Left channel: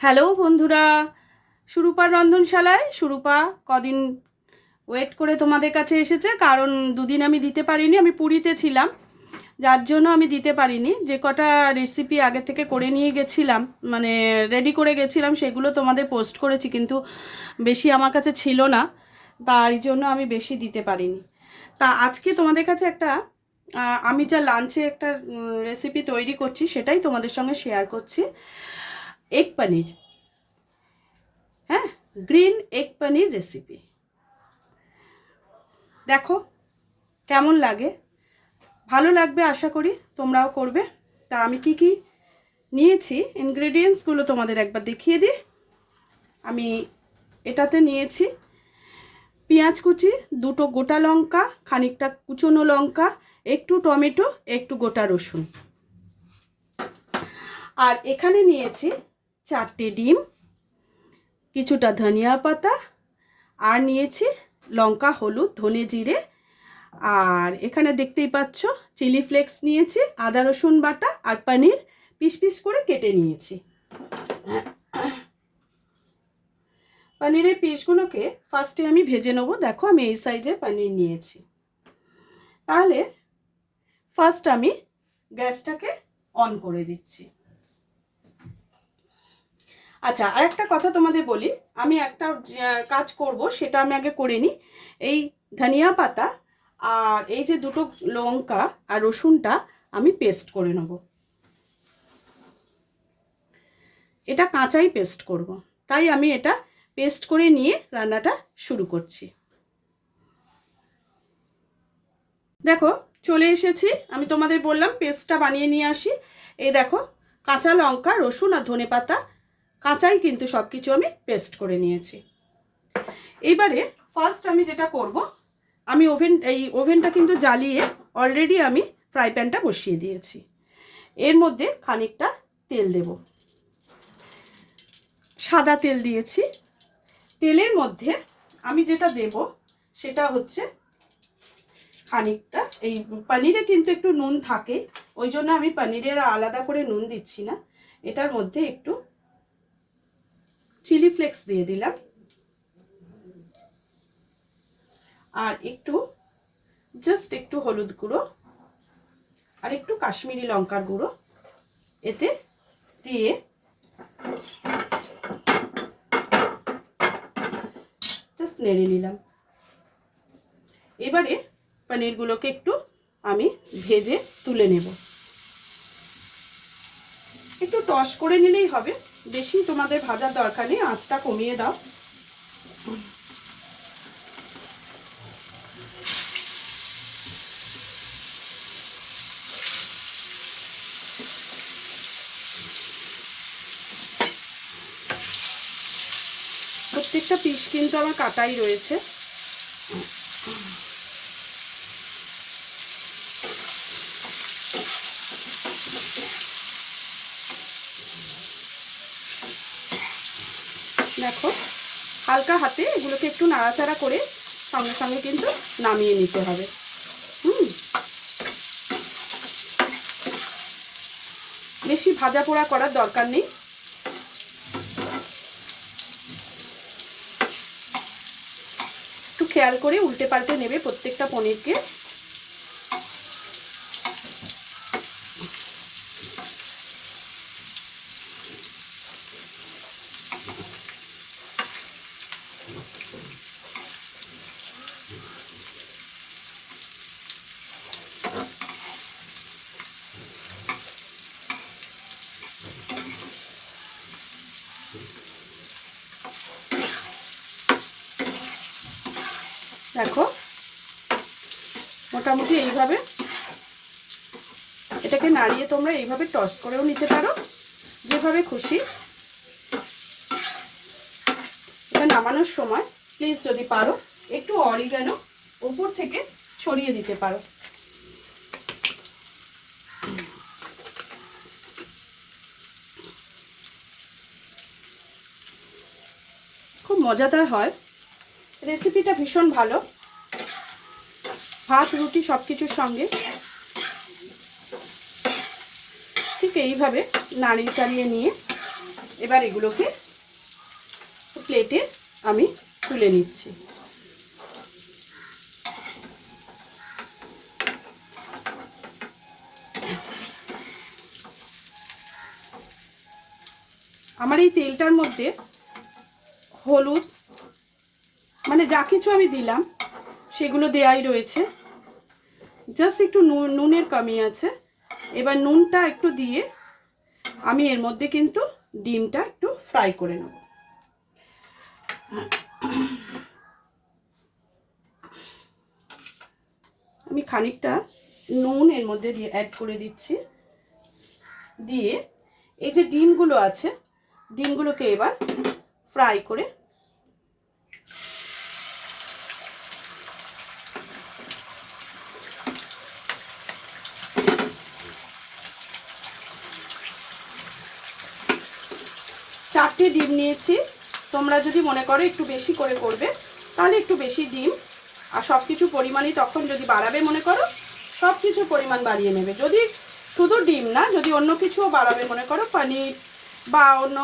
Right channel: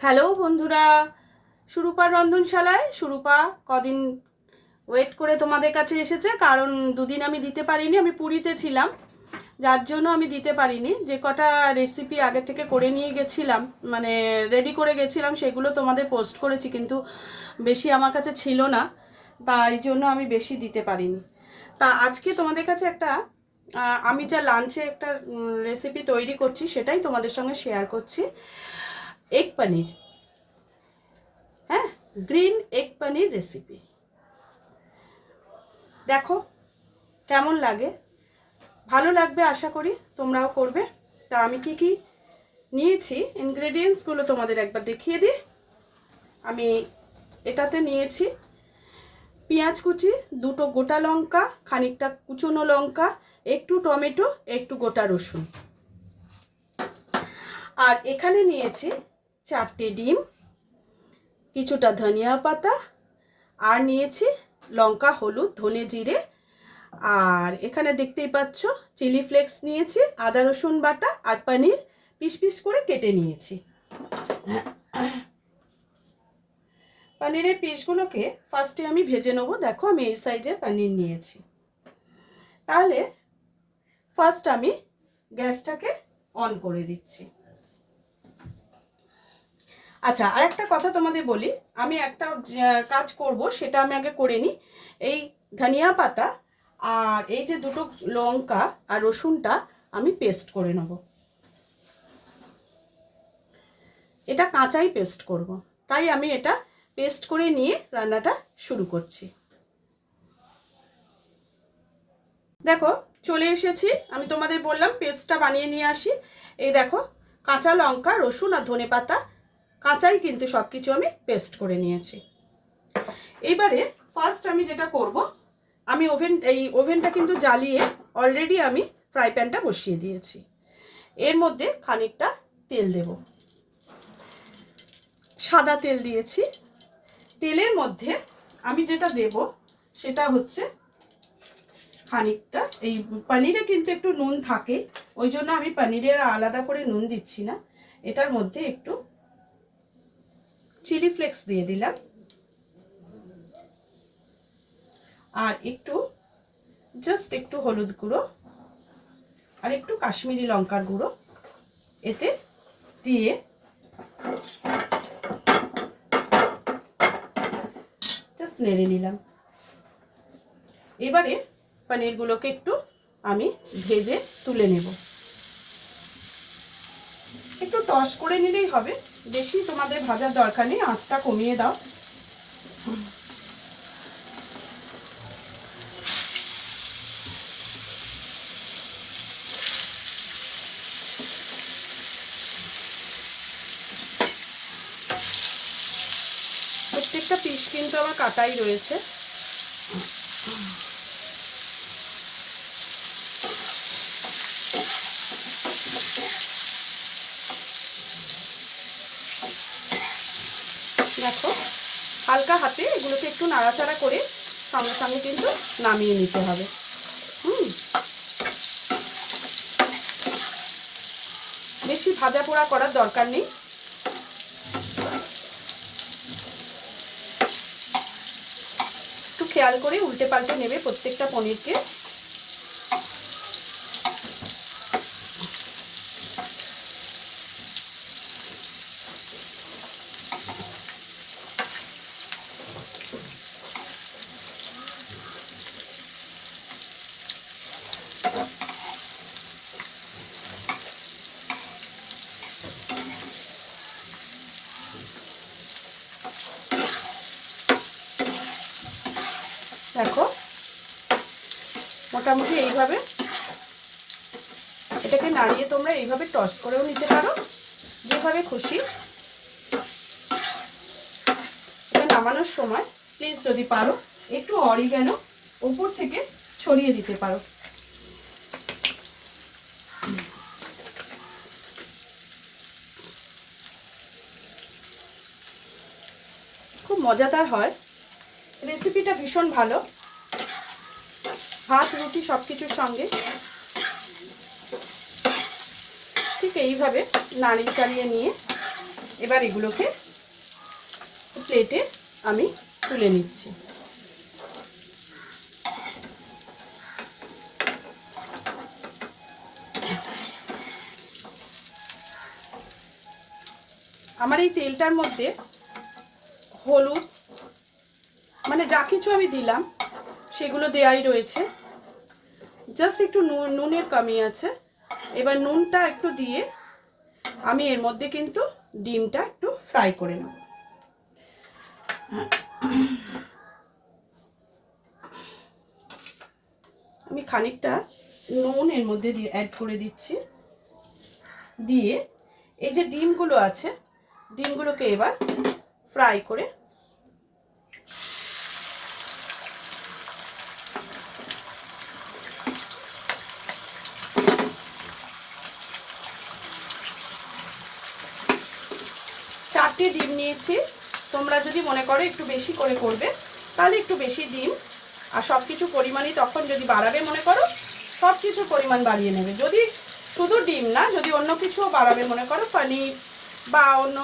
Hello বন্ধুরা, সুরূপার রন্ধনশালায় সুরূপা কদিন wait করে তোমাদের কাছে এসেছে, কারণ দুদিন আমি দিতে পারিনি, আমি পুরীতে ছিলাম, যার জন্য আমি দিতে পারিনি। যে কটা রেসিপি আগে থেকে করে নিয়ে গেছিলাম, মানে রেডি করে গেছিলাম, সেগুলো তোমাদের পোস্ট করেছি, কিন্তু বেশি আমার কাছে ছিল না, তাই জন্য আমি বেশি দিতে পারিনি। তা আজকে তোমাদের কাছে একটা আমি যা লাঞ্চে একটা রেসিপি তৈরি করছি সেটাই তোমাদের সঙ্গে শেয়ার করছি। এগ পনির, হ্যাঁ, গ্রিন এগ পনির রেসিপি। দেখো কেমন লাগে, ভালো লাগবে আশা করি, তোমরাও করবে। তা আমি কি কি নিয়েছি ইনগ্রেডিয়েন্টসগুলো তোমাদের একবার দেখিয়ে দিই। আমি এটাতে নিয়েছি পেঁয়াজ কুচি, দুটো গোটা লঙ্কা, খানিকটা কুচনো লঙ্কা, একটু টমেটো, একটু গোটা রসুন। আর এখানে নিয়েছি 4টে ডিম, কিছুটা ধনিয়া পাতা, আর নিয়েছি লঙ্কা, হলুদ, ধনে জিরে, আর এখানে দেখতেই পাচ্ছ চিলি ফ্লেক্স নিয়েছি, আদা রসুন বাটা, আর পনির পিস পিস করে কেটে নিয়েছি। পনিরের পিসগুলোকে ফার্স্টে আমি ভেজে নেবো। দেখো আমি এই সাইজের পনির নিয়েছি। তাহলে ফার্স্ট আমি গ্যাসটাকে অন করে দিচ্ছি। আচ্ছা, আর একটা কথা তোমাদের বলি, আমি একটা কাজ করব, সেটা আমি আগে করে নিই। এই ধনিয়া পাতা আর এই যে দুটো লঙ্কা আর রসুনটা আমি পেস্ট করে নেব। এটা কাঁচাই পেস্ট করব, তাই আমি এটা পেস্ট করে নিয়ে রান্নাটা শুরু করছি। দেখো চলে এসেছি, আমি তোমাদের বললাম পেস্টটা বানিয়ে নিয়ে আসি। এই দেখো কাঁচা লঙ্কা, রসুন আর ধনে পাতা কাঁচাই কিন্তু সব কিছু আমি পেস্ট করে নিয়েছি। এইবারে ফার্স্ট আমি যেটা করব, আমি ওভেনটা কিন্তু জ্বালিয়ে অলরেডি আমি ফ্রাই প্যানটা বসিয়ে দিয়েছি। এর মধ্যে খানিকটা তেল দেব, সাদা তেল দিয়েছি। তেলের মধ্যে আমি যেটা দেব সেটা হচ্ছে খানিকটা, এই পনিরে কিন্তু একটু নুন থাকে, ওই জন্য আমি পনিরের আলাদা করে নুন দিচ্ছি না। এটার মধ্যে একটু চিলি ফ্লেক্স দিয়ে দিলাম, আর একটু জাস্ট একটু হলুদ গুঁড়ো, আর একটু কাশ্মীরি লঙ্কার গুঁড়ো এতে দিয়ে জাস্ট নেড়ে নিলাম। এবারে পনিরগুলোকে একটু আমি ভেজে তুলে নেব। একটু টস করে নিলেই হবে, বেশি তোমাদের ভাজার দরকার নেই, আঁচটা কমিয়ে দাও। প্রত্যেকটা পিস কিন্তু আমার কাটাই রয়েছে। দেখো হালকা হাতে এগুলোকে একটু নাড়াচাড়া করে সঙ্গে সঙ্গে কিন্তু নামিয়ে নিতে হবে। বেশি ভাজা পোড়া করার দরকার নেই। একটু খেয়াল করে উল্টে পাল্টে নেবে প্রত্যেকটা পনিরকে। দেখো মোটামুটি এইভাবে এটাকে নাড়িয়ে তোমরা এইভাবে টস করেও নিতে পারো, যেভাবে খুশি। এটা নামানোর সময় প্লিজ যদি পারো একটু অরিগানো ওপর থেকে ছড়িয়ে দিতে পারো। খুব মজাদার হয় রেসিপিটা, ভীষণ ভালো, ভাত রুটি সব কিছুর সঙ্গে। ঠিক এইভাবে নাড়িয়ে চাড়িয়ে নিয়ে এবার এগুলোকে প্লেটে আমি তুলে নিচ্ছি। আমার এই তেলটার মধ্যে হলুদ মানে যা কিছু আমি দিলাম সেগুলো দেয়াই রয়েছে, জাস্ট একটু নুনের কমি আছে। এবার নুনটা একটু দিয়ে আমি এর মধ্যে কিন্তু ডিমটা একটু ফ্রাই করে নেব। আমি খানিকটা নুন এর মধ্যে দিয়ে অ্যাড করে দিচ্ছি, দিয়ে এই যে ডিমগুলো আছে ডিমগুলোকে এবার ফ্রাই করে চারটে ডিম নিয়েছি। তোমরা যদি মনে করো একটু বেশি করে করবে তাহলে একটু বেশি ডিম, আর সব কিছু পরিমাণই তখন যদি বাড়াবে মনে করো সব কিছু পরিমাণ বাড়িয়ে নেবে। যদি শুধু ডিম না, যদি অন্য কিছুও বাড়াবে মনে করো, পনির বা অন্য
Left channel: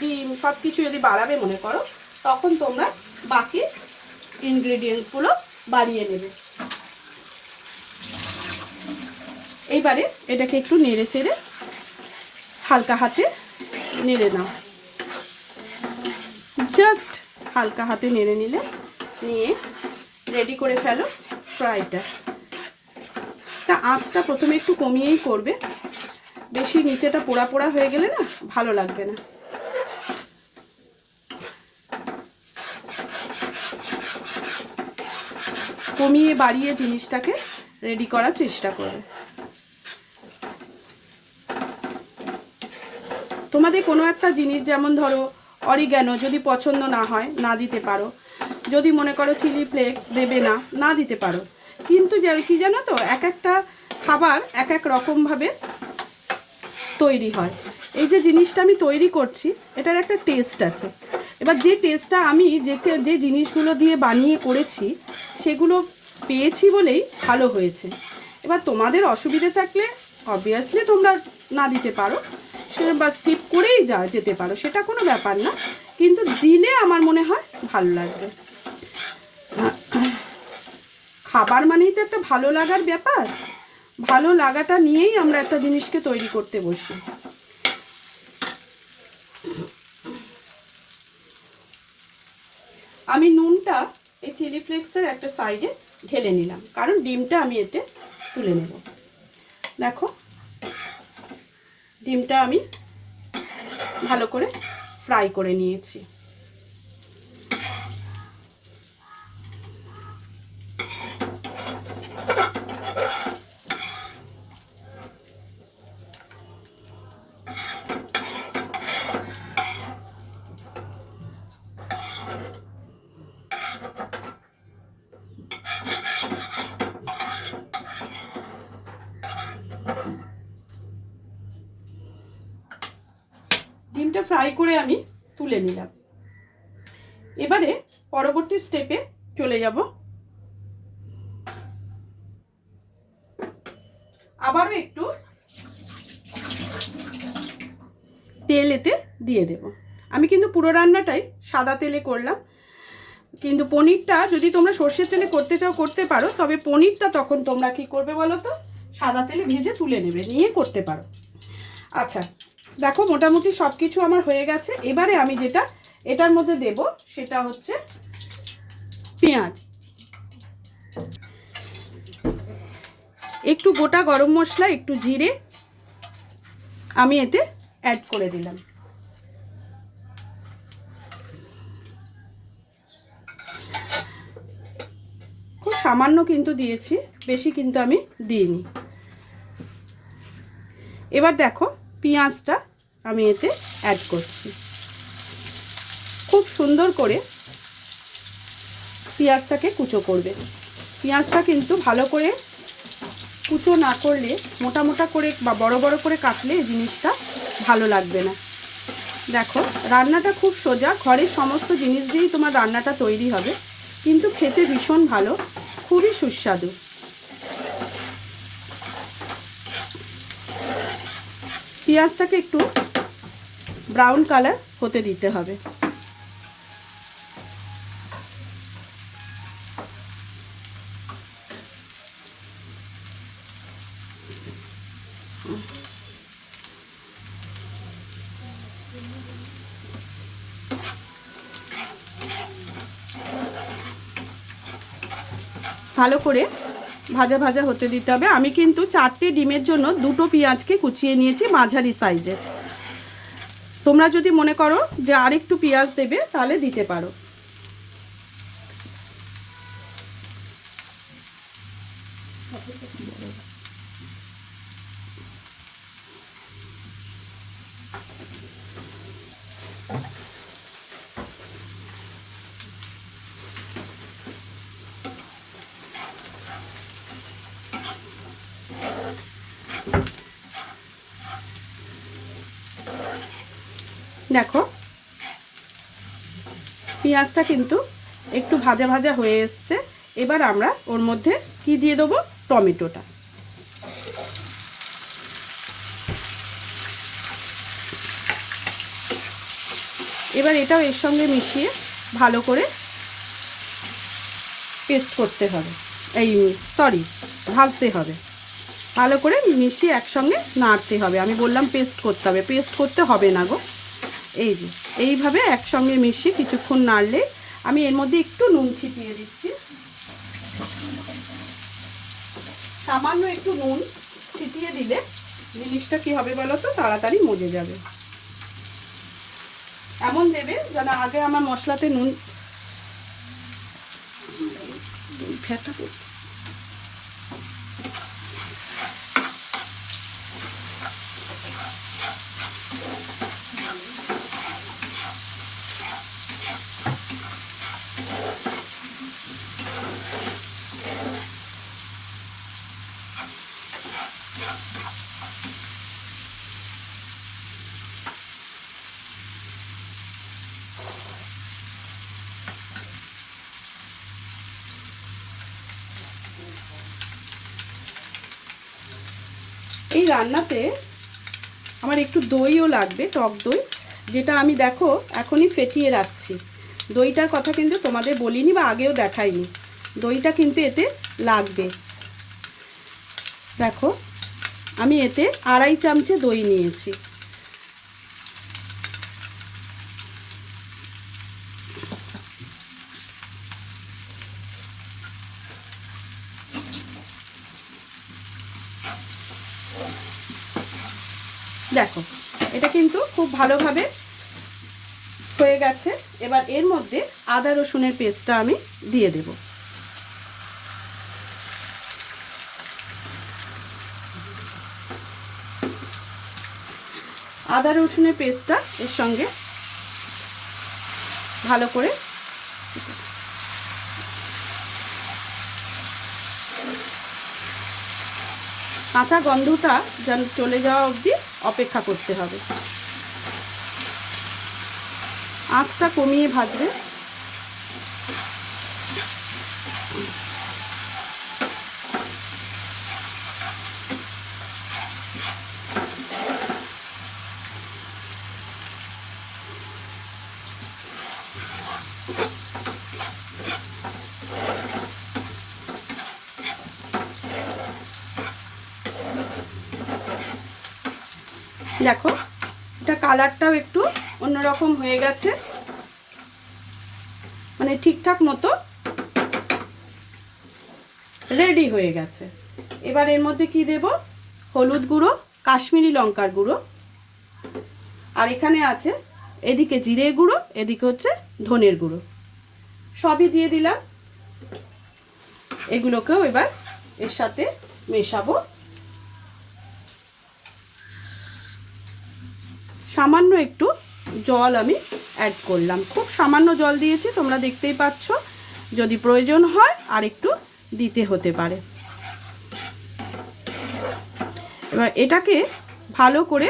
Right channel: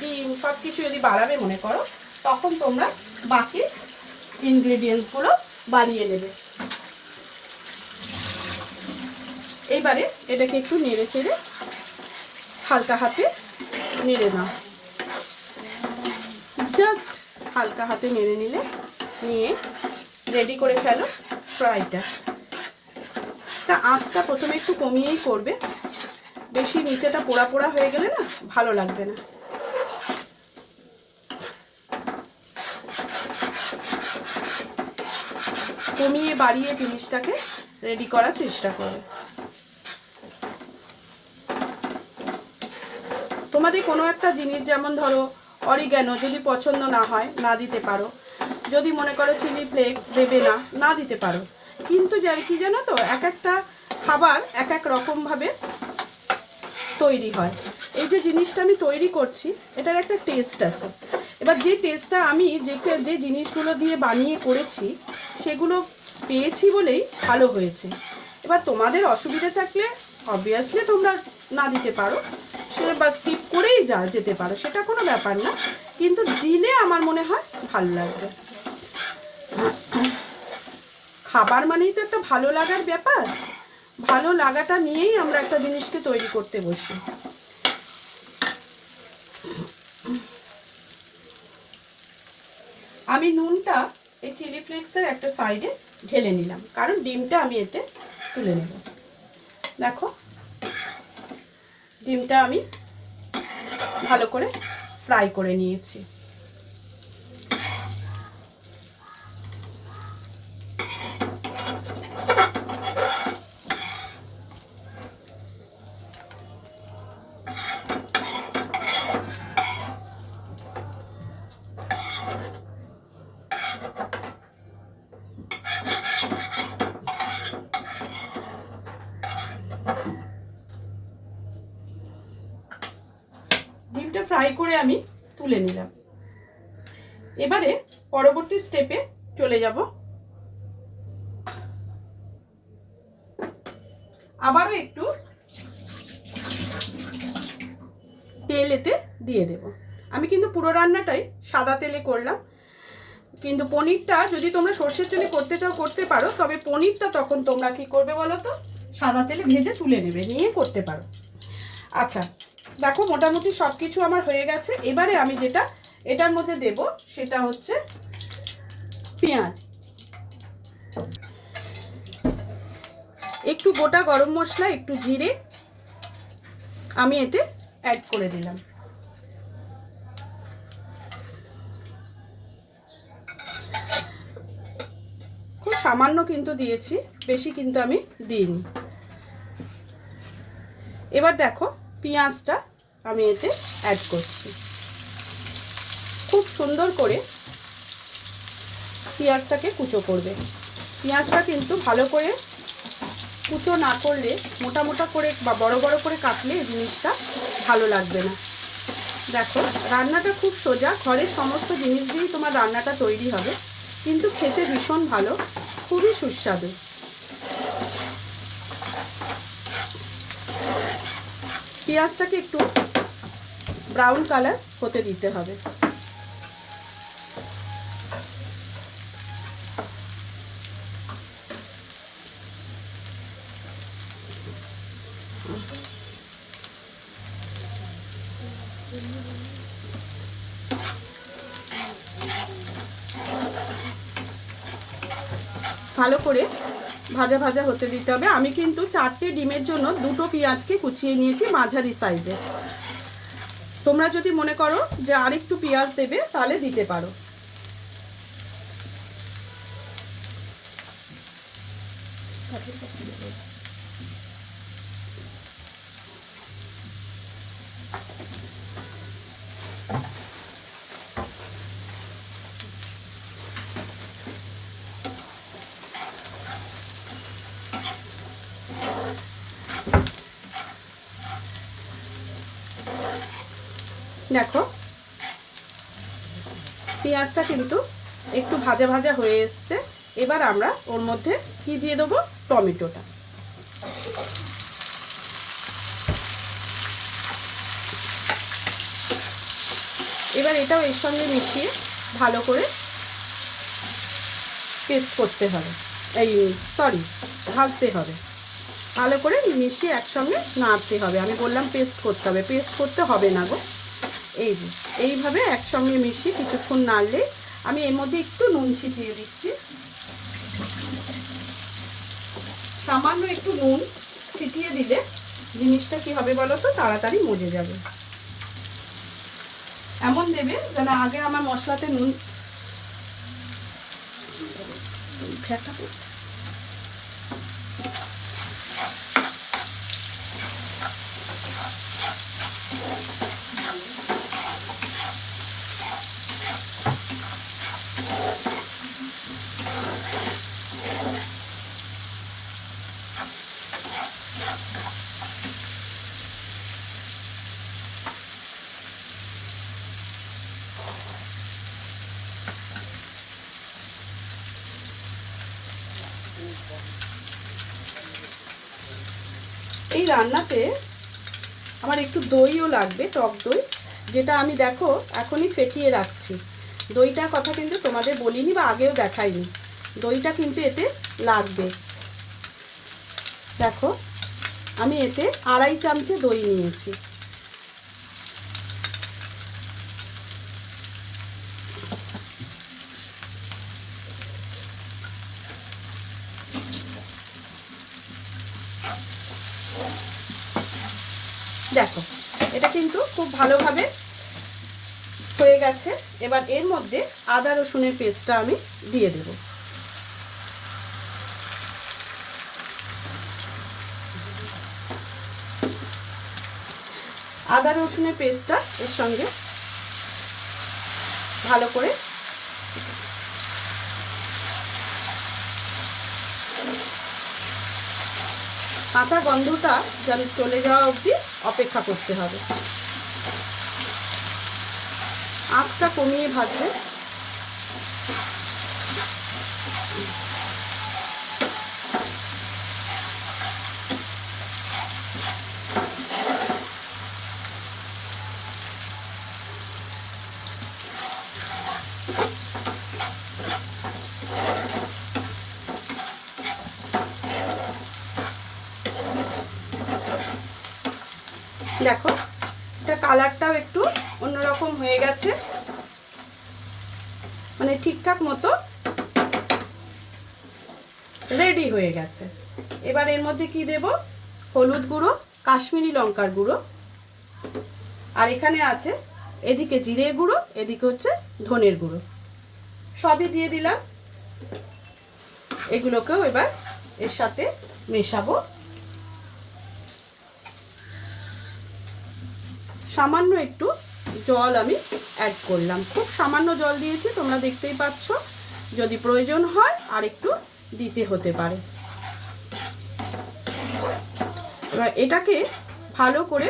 ডিম সব কিছু যদি বাড়াবে মনে করো, তখন তোমরা বাকি ইনগ্রেডিয়েন্টসগুলো বাড়িয়ে নেবে। এইবারে এটাকে একটু নেড়ে চেড়ে হালকা হাতে নেড়ে নাও, জাস্ট হালকা হাতে নেড়ে নিলে নিয়ে রেডি করে ফেলো ফ্রাইটা। আঁচটা প্রথমে একটু কমিয়েই করবে, বেশি নিচেটা পোড়া পোড়া হয়ে গেলে না ভালো লাগবে না। কমিয়ে বাড়িয়ে জিনিসটাকে রেডি করার চেষ্টা করবে। তোমাদের কোনো একটা জিনিস যেমন ধরো অরিগ্যানো যদি পছন্দ না হয় না দিতে পারো, যদি মনে করো চিলি ফ্লেক্স দেবে না না দিতে পারো, কিন্তু কি জানো তো এক একটা খাবার এক এক রকমভাবে তৈরি হয়। এই যে জিনিসটা আমি তৈরি করছি এটার একটা টেস্ট আছে। এবার যে টেস্টটা আমি যে জিনিসগুলো দিয়ে বানিয়ে করেছি সেগুলো পেয়েছি বলেই ভালো হয়েছে। এবার তোমাদের অসুবিধে থাকলে অবভিয়াসলি তোমরা না দিতে পারো, সেটা বা স্কিপ করেই যেতে পারো, সেটা কোনো ব্যাপার না, কিন্তু দিলে আমার মনে হয় ভালো লাগবে। খাবার মানেই তো একটা ভালো লাগার ব্যাপার, ভালো লাগাটা নিয়েই আমরা একটা জিনিসকে তৈরি করতে বসি। আমি নুনটা এই চিলি ফ্লেক্সের একটা সাইডে ঢেলে নিলাম, কারণ ডিমটা আমি এতে তুলে নেব। দেখো ডিমটা আমি ভালো করে ফ্রাই করে নিয়েছি। ডিমটা ফ্রাই করে আমি তুলে নিলাম। এবারে পরবর্তী স্টেপে চলে যাব। আবারও একটু তেল এতে দিয়ে দেব। আমি কিন্তু পুরো রান্নাটাই সাদা তেলে করলাম, কিন্তু পনিরটা যদি তোমরা সর্ষের তেলে করতে চাও করতে পারো, তবে পনিরটা তখন তোমরা কি করবে বলো তো, সাদা তেলে ভেজে তুলে নেবে, নিয়ে করতে পারো। আচ্ছা দেখো মোটামুটি সব কিছু আমার হয়ে গেছে। এবারে আমি যেটা এটার মধ্যে দেব সেটা হচ্ছে পেঁয়াজ, একটু গোটা গরম মশলা, একটু জিরে আমি এতে অ্যাড করে দিলাম। খুব সামান্য কিন্তু দিয়েছি, বেশি কিন্তু আমি দিইনি। এবার দেখো পেঁয়াজটা আমি এতে অ্যাড করছি। খুব সুন্দর করে পেঁয়াজটাকে কুচো করবে। পেঁয়াজটা কিন্তু ভালো করে কুচো না করলে, মোটা মোটা করে বা বড় বড় করে কাটলে এই জিনিসটা ভালো লাগবে না। দেখো রান্নাটা খুব সোজা, ঘরের সমস্ত জিনিস দিয়েই তোমার রান্নাটা তৈরি হবে, কিন্তু খেতে ভীষণ ভালো, খুবই সুস্বাদু। পেঁয়াজটাকে একটু ব্রাউন কালার হতে দিতে হবে। ভালো করে ভাজা ভাজা হতে দিতে হবে। আমি কিন্তু 4টে ডিমের জন্য 2টো পেঁয়াজকে কুচিয়ে নিয়েছি মাঝারি সাইজে। তোমরা যদি মনে করো যে আরেকটু পেঁয়াজ দেবে তাহলে দিতে পারো। দেখো পেঁয়াজটা কিন্তু একটু ভাজা ভাজা হয়ে এসছে। এবার আমরা ওর মধ্যে কি দিয়ে দেবো, টমেটোটা। এবার এটাও এর সঙ্গে মিশিয়ে ভালো করে পেস্ট করতে হবে, ভাজতে হবে। ভালো করে মিশিয়ে একসঙ্গে নাড়তে হবে। আমি বললাম পেস্ট করতে হবে, পেস্ট করতে হবে না গো। এইভাবে একসঙ্গে মিশিয়ে কিছুক্ষণ নাড়লে আমি এর মধ্যে একটু নুন ছিটিয়ে দিচ্ছি। সামান্য একটু নুন ছিটিয়ে দিলে জিনিসটা কি হবে বলো তো, তাড়াতাড়ি মজে যাবে। এমন দেবে যেন আগে আমার মশলাতে নুন এই রান্নাতে আমার একটু দইও লাগবে, টক দই, যেটা আমি দেখো এখনই ফেটিয়ে রাখছি। দইটার কথা কিন্তু তোমাদের বলিনি বা আগেও দেখাইনি। দইটা কিন্তু এতে লাগবে। দেখো আমি এতে 2.5 চামচে দই নিয়েছি। দেখো এটা কিন্তু খুব ভালোভাবে হয়ে গেছে। এবার এর মধ্যে আদা রসুনের পেস্টটা আমি দিয়ে দেব। আদা রসুনের পেস্টটা এর সঙ্গে ভালো করে কাঁচা গন্ধটা যেন চলে যাওয়া অবধি অপেক্ষা করতে হবে। আঁচটা কমিয়ে ভাজবে। দেখো এটা কালারটাও একটু অন্যরকম হয়ে গেছে, মানে ঠিকঠাক মতো রেডি হয়ে গেছে। এবার এর মধ্যে কি দেব, হলুদ গুঁড়ো, কাশ্মীরি লঙ্কার গুঁড়ো, আর এখানে আছে এদিকে জিরের গুঁড়ো, এদিকে হচ্ছে ধনের গুঁড়ো, সবই দিয়ে দিলাম। এগুলোকেও এবার এর সাথে মেশাবো। সামান্য একটু জল আমি অ্যাড করলাম, খুব সামান্য জল দিয়েছি, তোমরা দেখতেই পাচ্ছ। যদি প্রয়োজন হয় আর একটু দিতে হতে পারে। এবার এটাকে ভালো করে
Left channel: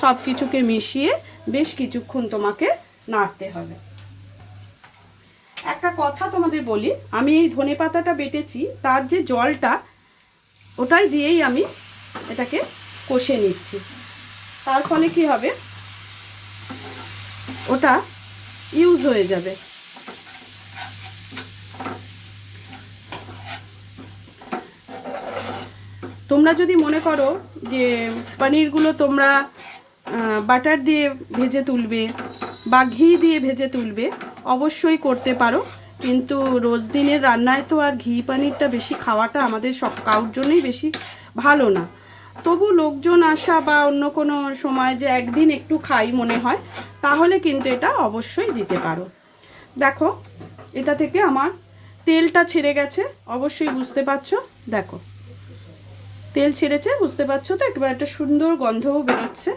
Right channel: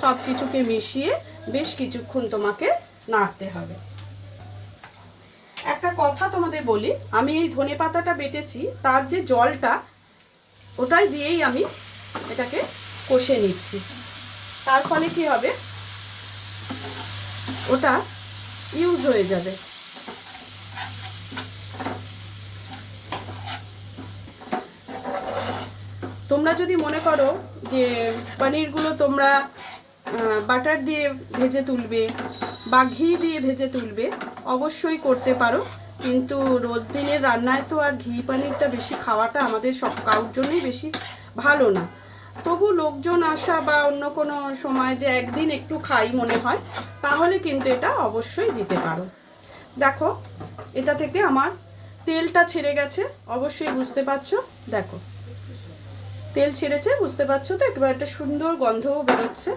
সব কিছুকে মিশিয়ে বেশ কিছুক্ষণ তোমাকে নাড়তে হবে। একটা কথা তোমাদের বলি, আমি এই ধনেপাতাটা বেটেছি, তার যে জলটা ওটাই দিয়েই আমি এটাকে কষে নিচ্ছি। তার ফলে কি হবে, ওটা ইউজ হয়ে যাবে। তোমরা যদি মনে করো যে পনিরগুলো তোমরা বাটার দিয়ে ভেজে তুলবে বা ঘি দিয়ে ভেজে তুলবে, অবশ্যই করতে পারো, কিন্তু রোজ দিনের রান্নায় তো আর ঘি পনিরটা বেশি খাওয়াটা আমাদের সব কারোর জন্যই বেশি ভালো না। তবু লোকজন আসা বা অন্য কোনো সময় যে একদিন একটু খাই মনে হয়, তাহলে কিন্তু এটা অবশ্যই দিতে পারো। দেখো এটা থেকে আমার তেলটা ছেড়ে গেছে, অবশ্যই বুঝতে পারছো। দেখো তেল ছেড়েছে, বুঝতে পারছো তো? একবার একটা সুন্দর গন্ধও বেরোচ্ছে।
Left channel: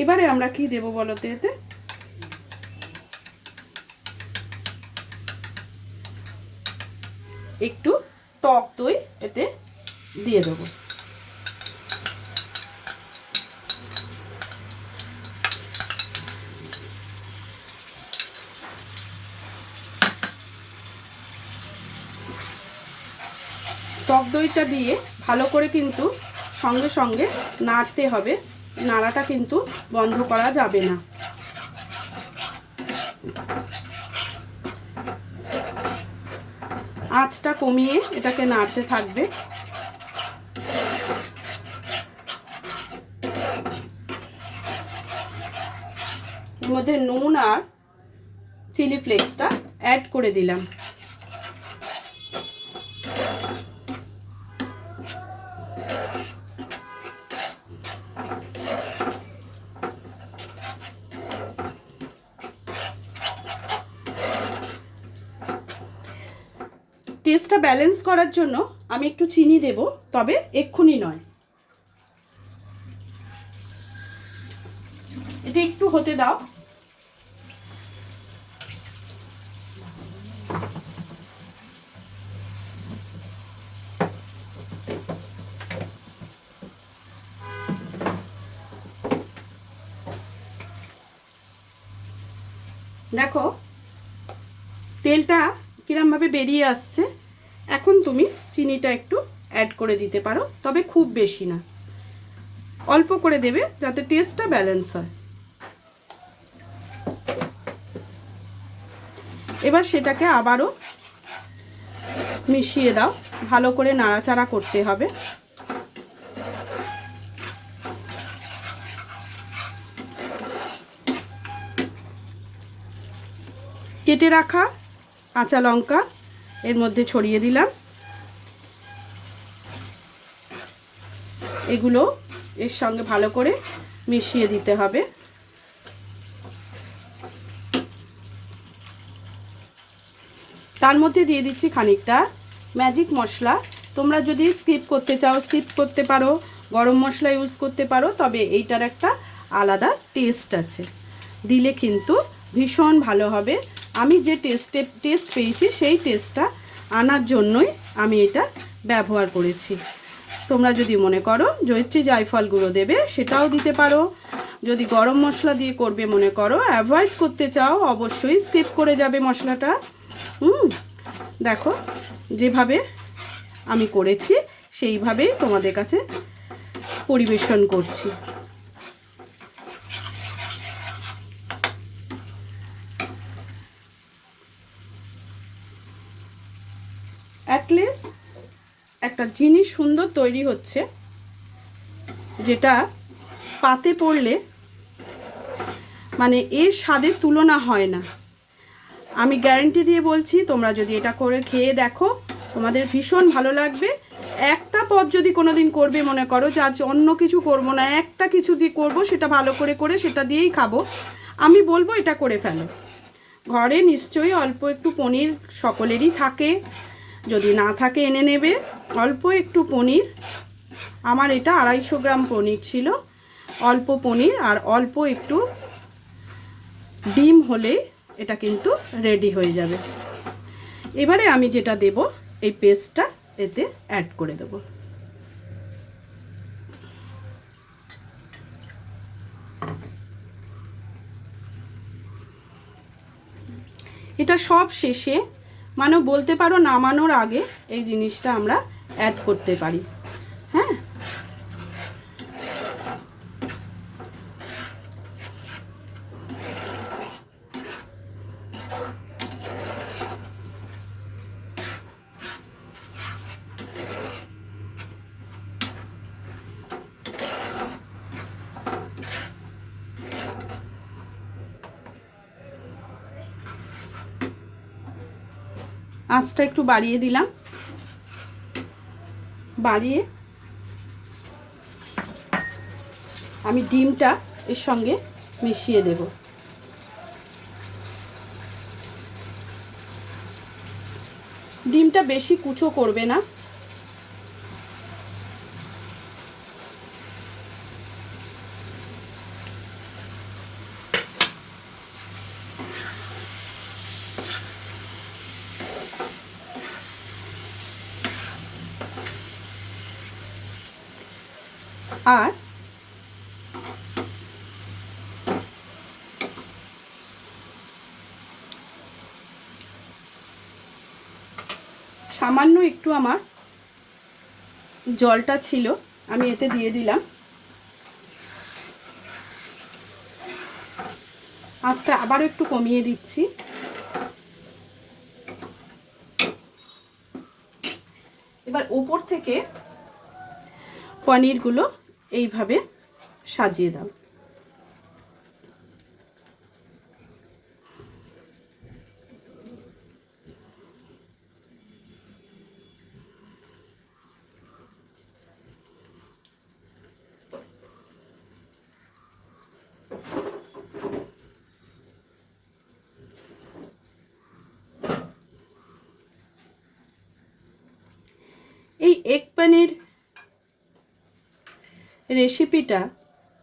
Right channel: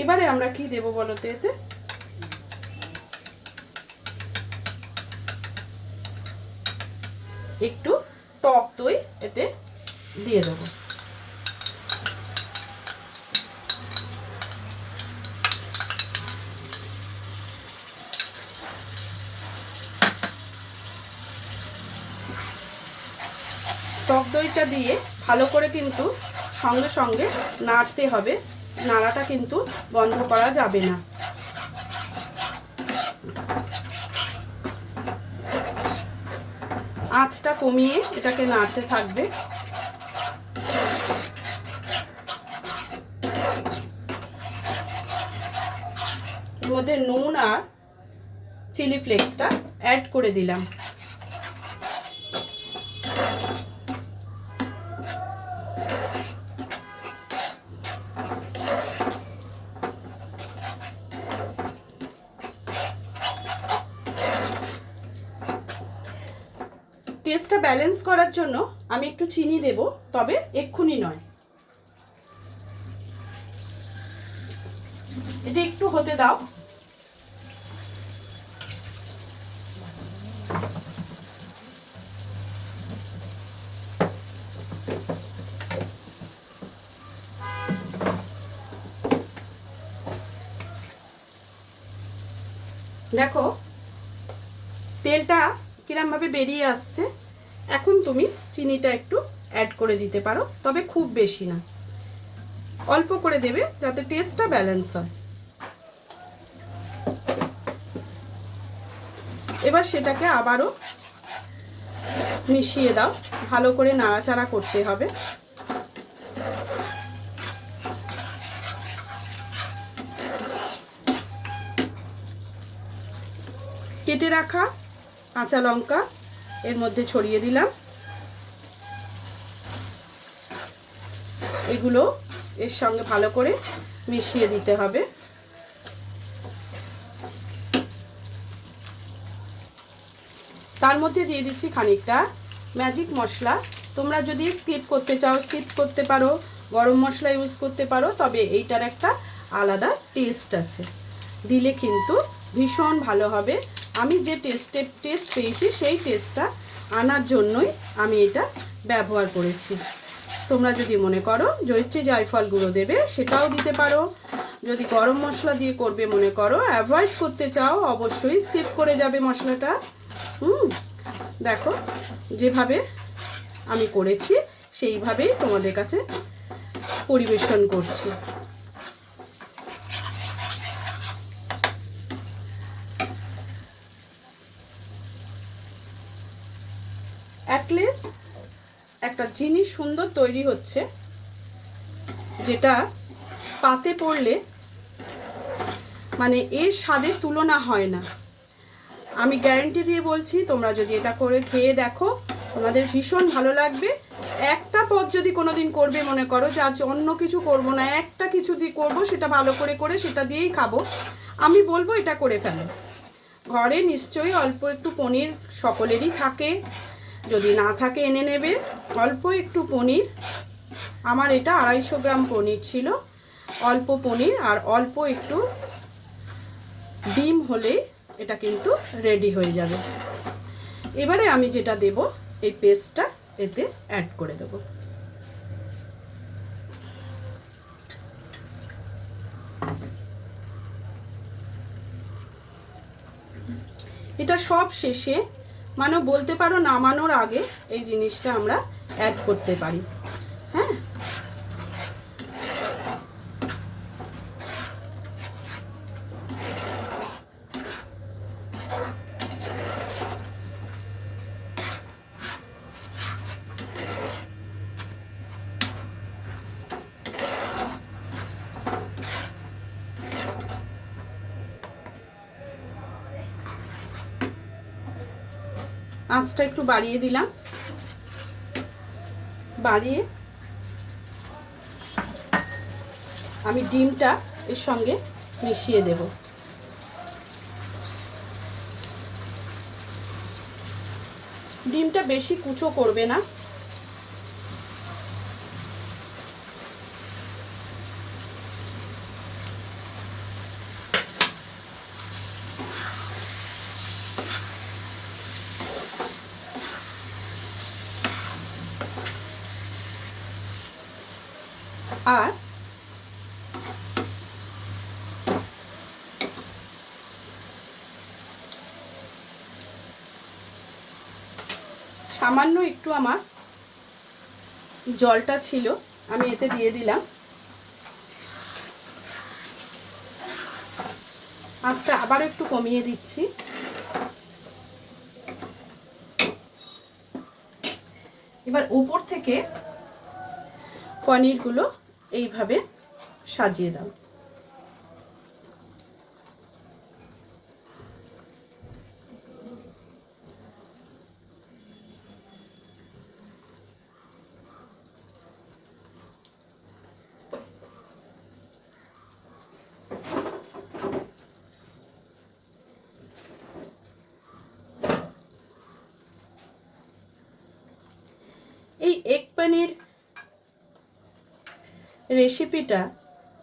এবারে আমরা কি দেবো বলো তো? এতে একটু টক দই এতে দিয়ে দেবো। টক দইটা দিয়ে ভালো করে কিন্তু সঙ্গে সঙ্গে নাড়তে হবে, নাড়াটা কিন্তু বন্ধ করা যাবে না। আঁচটা কমিয়ে এটাকে নাড়তে থাকবে। এর মধ্যে নুন আর চিলি ফ্লেক্সটা অ্যাড করে দিলাম। টেস্টটা ব্যালেন্স করার জন্য আমি একটু চিনি দেব, তবে এক্ষুনি নয়, এটা একটু হতে দাও। দেখো তেলটা কিরম ভাবে বেরিয়ে আসছে। এখন তুমি চিনিটা একটু অ্যাড করে দিতে পারো, তবে খুব বেশি না, অল্প করে দেবে যাতে টেস্টটা ব্যালেন্স হয়। এবার সেটাকে আবারও মিশিয়ে দাও, ভালো করে নাড়াচাড়া করতে হবে। কেটে রাখা কাঁচা লঙ্কা এর মধ্যে ছড়িয়ে দিলাম। এগুলো এর সঙ্গে ভালো করে মিশিয়ে দিতে হবে। তার মধ্যে দিয়ে দিচ্ছি খানিকটা ম্যাজিক মশলা। তোমরা যদি স্কিপ করতে চাও স্কিপ করতে পারো, গরম মশলা ইউজ করতে পারো, তবে এইটার একটা আলাদা টেস্ট আছে, দিলে কিন্তু ভীষণ ভালো হবে। আমি যে টেস্ট পেয়েছি সেই টেস্টটা আনার জন্যই আমি এটা ব্যবহার করেছি। তোমরা যদি মনে করো জয়িত্রী জায়ফল গুঁড়ো দেবে, সেটাও দিতে পারো। যদি গরম মশলা দিয়ে করবে মনে করো, অ্যাভয়েড করতে চাও, অবশ্যই স্কিপ করে যাবে মশলাটা। দেখো যেভাবে আমি করেছি সেইভাবেই তোমাদের কাছে পরিবেশন করছি। অ্যাটলিস্ট একটা জিনিস সুন্দর তৈরি হচ্ছে, যেটা পাতে পড়লে মানে এর স্বাদের তুলনা হয় না। আমি গ্যারান্টি দিয়ে বলছি, তোমরা যদি এটা করে খেয়ে দেখো তোমাদের ভীষণ ভালো লাগবে। একটা পদ যদি কোনোদিন করবে মনে করো যে আজ অন্য কিছু করব না, একটা কিছু দিয়ে করবো, সেটা ভালো করে করে সেটা দিয়েই খাবো, আমি বলবো এটা করে ফেলো। ঘরে নিশ্চয়ই অল্প একটু পনির সকলেরই থাকে, যদি না থাকে এনে নেবে। অল্প একটু পনির, আমার এটা 250 গ্রাম পনির ছিল, অল্প পনির আর অল্প একটু ডিম হলে এটা কিন্তু রেডি হয়ে যাবে। এবারে আমি যেটা দেব, এই পেস্টটা এতে অ্যাড করে দেব। এটা সব শেষে, মানে বলতে পারো নামানোর আগে এই জিনিসটা আমরা অ্যাড করতে পারি। হ্যাঁ, আঁচটা একটু বাড়িয়ে দিলাম, বাড়িয়ে আমি ডিমটা এর সঙ্গে মিশিয়ে দেব। ডিমটা বেশি কুচো করবে না, আর সামান্য একটু আমার জলটা ছিল, আমি এতে দিয়ে দিলাম। আঁচটা আবারও একটু কমিয়ে দিচ্ছি। এবার উপর থেকে পনিরগুলো এইভাবে সাজিয়ে দাও। এই এগ পনির রেসিপিটা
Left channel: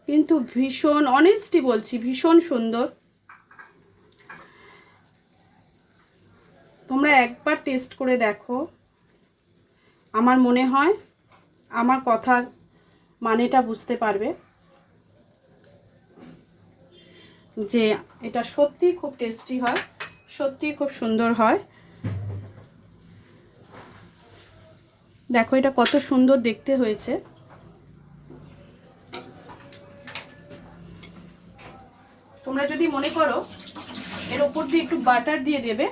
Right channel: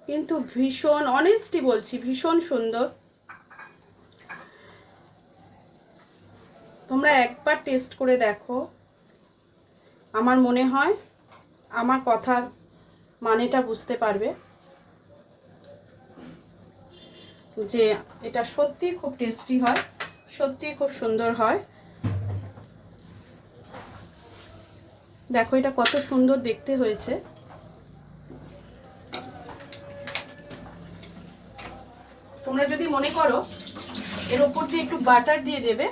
কিন্তু ভীষণ, অনেস্টলি বলছি, ভীষণ সুন্দর। তোমরা একবার টেস্ট করে দেখো, আমার মনে হয় আমার কথা মানেটা বুঝতে পারবে যে এটা সত্যি খুব টেস্টি হয়, সত্যি খুব সুন্দর হয়। দেখো এটা কত সুন্দর দেখতে হয়েছে। তোমরা যদি মনে করো এর ওপর দিয়ে একটু বাটার দিয়ে দেবে,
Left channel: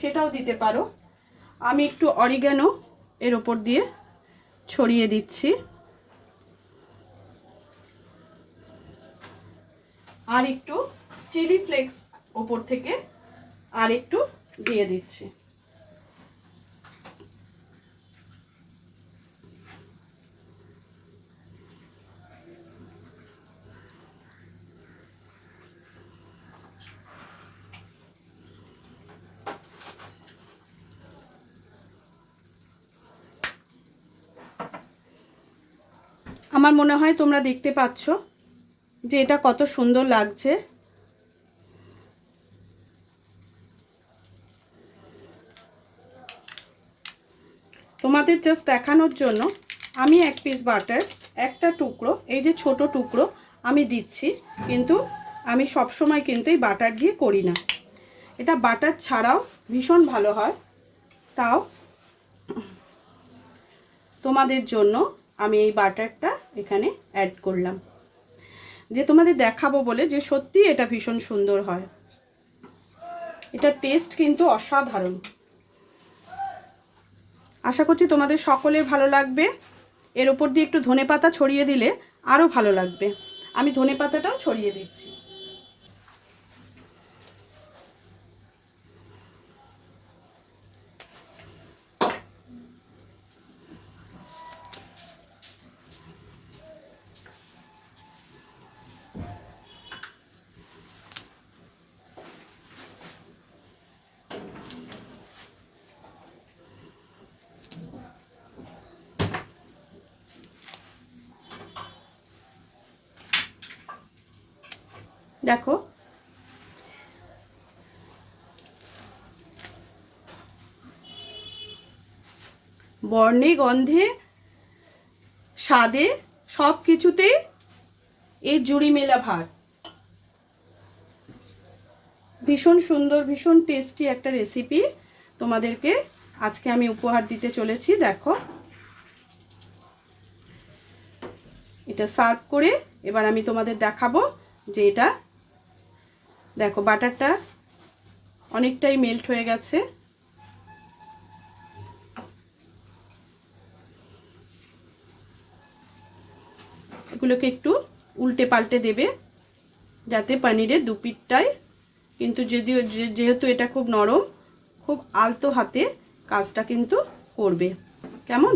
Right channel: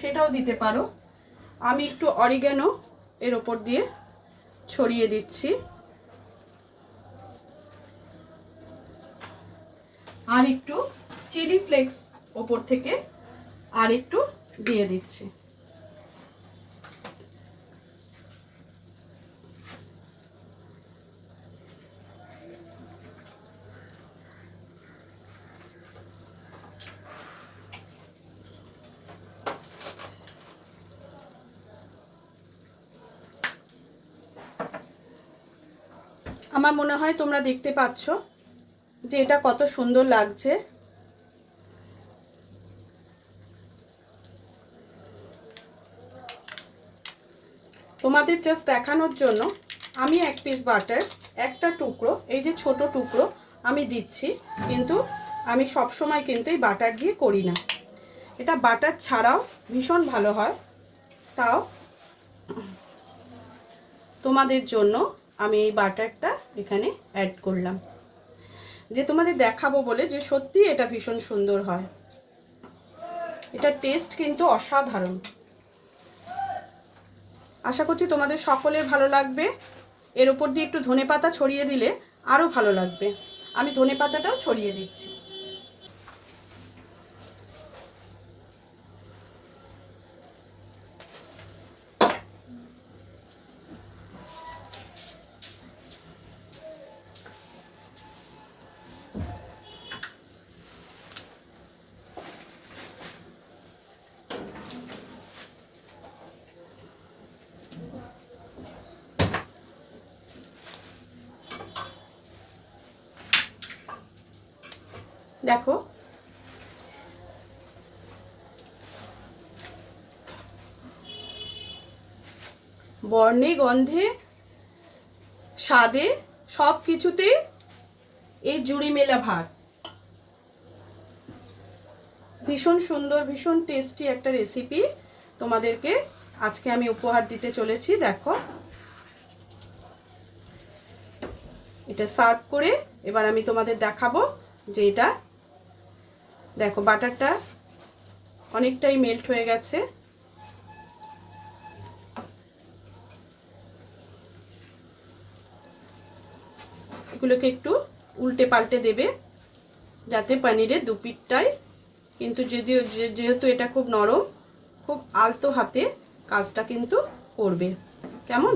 সেটাও দিতে পারো। আমি একটু অরিগ্যানো এর ওপর দিয়ে ছড়িয়ে দিচ্ছি, আর একটু চিলি ফ্লেক্স ওপর থেকে আর একটু দিয়ে দিচ্ছি। আমার মনে হয় তোমরা দেখতে পাচ্ছ যে এটা কত সুন্দর লাগছে। তোমাদের জাস্ট দেখানোর জন্য আমি এক পিস বাটার, একটা টুকরো, এই যে ছোট টুকরো আমি দিচ্ছি, কিন্তু আমি সব সময় কিন্তু এই বাটার দিয়ে করি না। এটা বাটার ছাড়াও ভীষণ ভালো হয়, তাও তোমাদের জন্য আমি এই বাটারটা এখানে অ্যাড করলাম, যে তোমাদের দেখাবো বলে যে সত্যি এটা ভীষণ সুন্দর হয়। এটা টেস্ট কিন্তু অসাধারণ। আশা করছি তোমাদের সকলের ভালো লাগবে। এর উপর দিয়ে একটু ধনেপাতা ছড়িয়ে দিলে আরও ভালো লাগবে। আমি ধনেপাতাটাও ছড়িয়ে দিচ্ছি। দেখো বর্ণে, গন্ধে, স্বাদে, সব কিছুতেই এর জুড়ি মেলা ভার। ভীষণ সুন্দর, ভীষণ টেস্টি একটা রেসিপি তোমাদেরকে আজকে আমি উপহার দিতে চলেছি। দেখো এটা সার্ভ করে এবার আমি তোমাদের দেখাবো যে এটা দেখো বাটারটা অনেকটাই মেল্ট হয়ে গেছে। এগুলোকে একটু উল্টে পাল্টে দেবে যাতে পনিরের দুপিঠটাই কিন্তু, যদিও যেহেতু এটা খুব নরম, খুব আলতো হাতে কাজটা কিন্তু করবে। কেমন?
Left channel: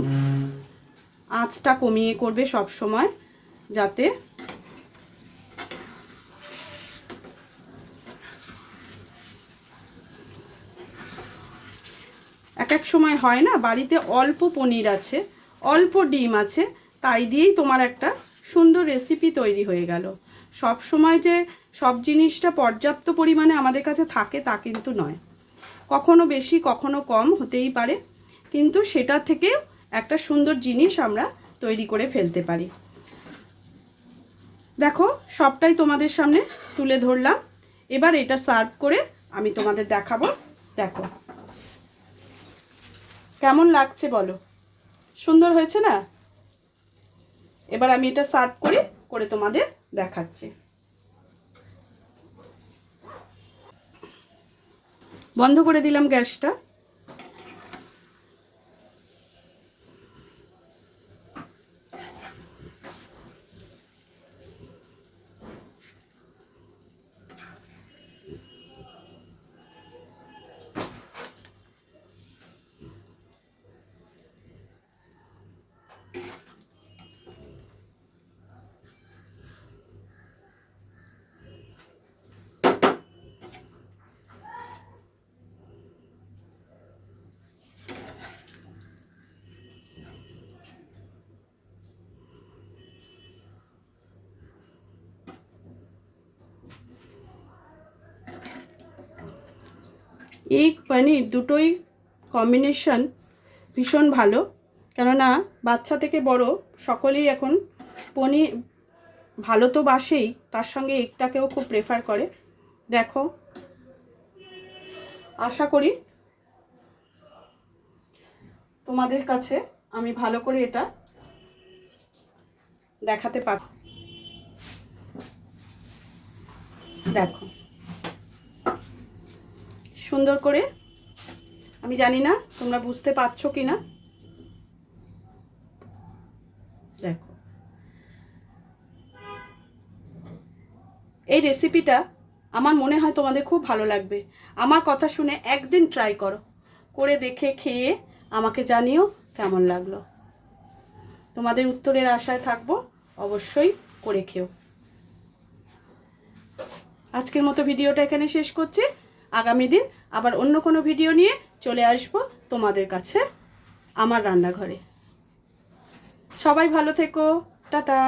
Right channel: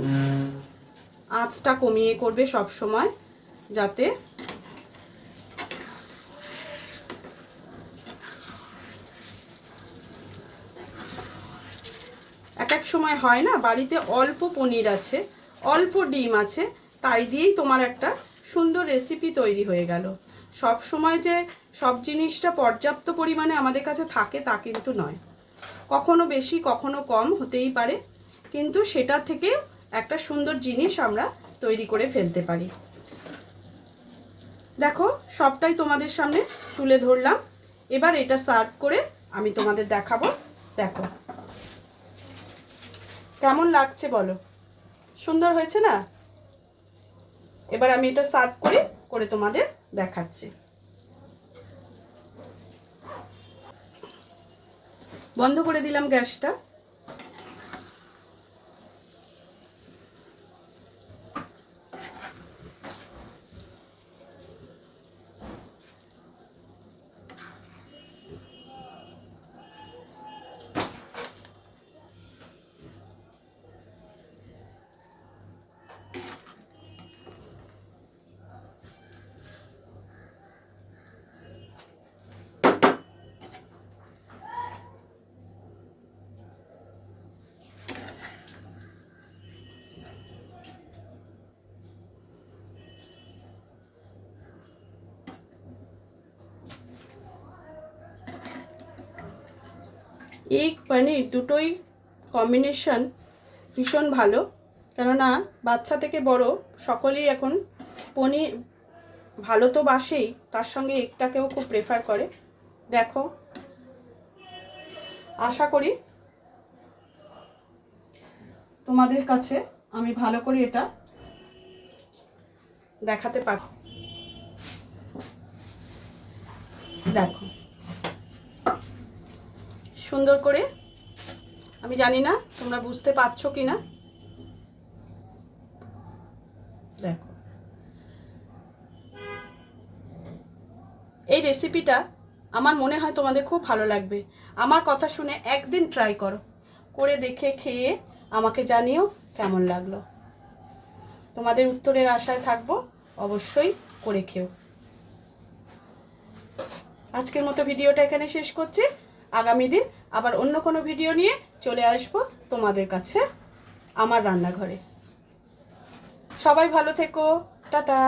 আঁচটা কমিয়ে করবে সব সময়, যাতে এক সময় হয় না বাড়িতে অল্প পনির আছে, অল্প ডিম আছে, তাই দিয়েই তোমার একটা সুন্দর রেসিপি তৈরি হয়ে গেল। সব সময় যে সব জিনিসটা পর্যাপ্ত পরিমাণে আমাদের কাছে থাকে তা কিন্তু নয়, কখনো বেশি কখনো কম হতেই পারে, কিন্তু সেটা থেকে একটা সুন্দর জিনিস আমরা তৈরি করে ফেলতে পারি। দেখো সবটাই তোমাদের সামনে তুলে ধরলাম। এবার এটা সার্ভ করে আমি তোমাদের দেখাবো। দেখো কেমন লাগছে বলো, সুন্দর হয়েছে না? এবার আমি এটা সার্ভ করে তোমাদের দেখাচ্ছি। বন্ধ করে দিলাম গ্যাসটা। এই পনির দুটোই কম্বিনেশন ভীষণ ভালো, কেননা বাচ্চা থেকে বড় সকলেই এখন পনির ভালো তো বাসেই, তার সঙ্গে এগটাকেও খুব প্রেফার করে। দেখো আশা করি তোমাদের কাছে আমি ভালো করে এটা দেখাতে পারব। দেখো সুন্দর করে, আমি জানি না তোমরা বুঝতে পারছো কি না। দেখো এই রেসিপিটা আমার মনে হয় তোমাদের খুব ভালো লাগবে। আমার কথা শুনে একদিন ট্রাই করো, করে দেখে খেয়ে আমাকে জানিও কেমন লাগলো। তোমাদের উত্তরের আশায় থাকবো, অবশ্যই করে খেও। আজকের মতো ভিডিওটা এখানে শেষ করছি। আগামী দিন আবার অন্য কোনো ভিডিও নিয়ে চলে আসবো তোমাদের কাছে আমার রান্নাঘরে। সবাই ভালো থেকো, টাটা।